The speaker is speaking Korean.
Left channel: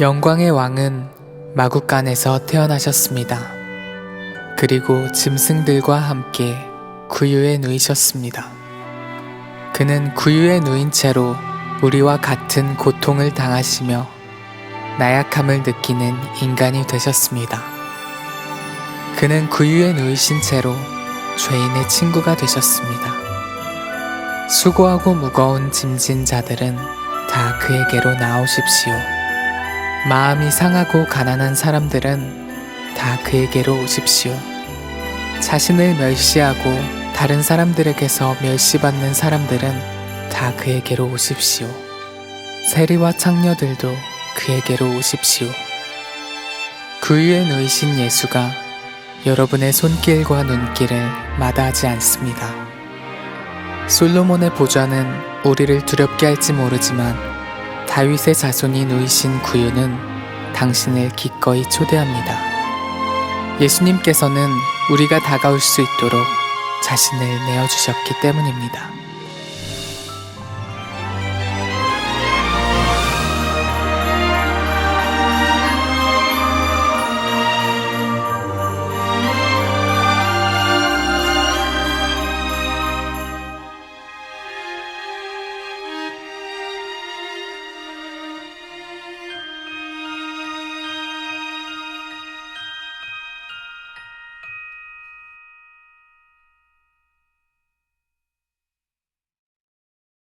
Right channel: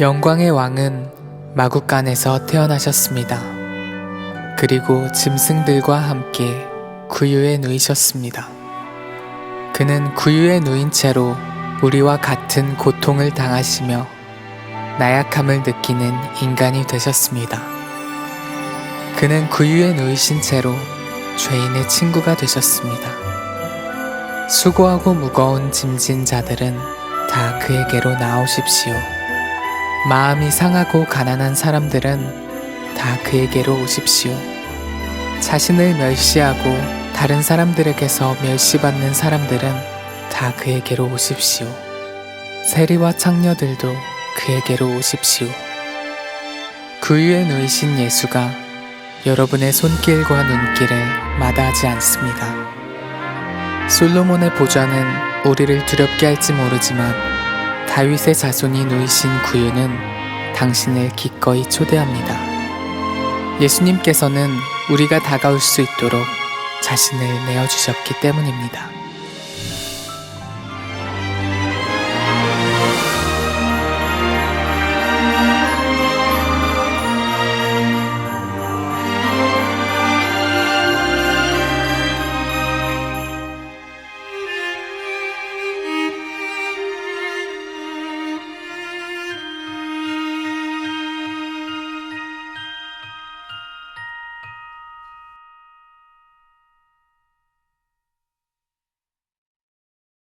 영광의 왕은 마국간에서 태어나셨습니다. 그리고 짐승들과 함께 구유에 누이셨습니다. 그는 구유에 누인 채로 우리와 같은 고통을 당하시며 나약함을 느끼는 인간이 되셨습니다. 그는 구유에 누이신 채로 죄인의 친구가 되셨습니다. 수고하고 무거운 짐진 자들은 다 그에게로 나오십시오. 마음이 상하고 가난한 사람들은 다 그에게로 오십시오. 자신을 멸시하고 다른 사람들에게서 멸시받는 사람들은 다 그에게로 오십시오. 세리와 창녀들도 그에게로 오십시오. 구유에 누이신 예수가 여러분의 손길과 눈길을 마다하지 않습니다. 솔로몬의 보좌는 우리를 두렵게 할지 모르지만 다윗의 자손이 누이신 구유는 당신을 기꺼이 초대합니다. 예수님께서는 우리가 다가올 수 있도록 자신을 내어주셨기 때문입니다.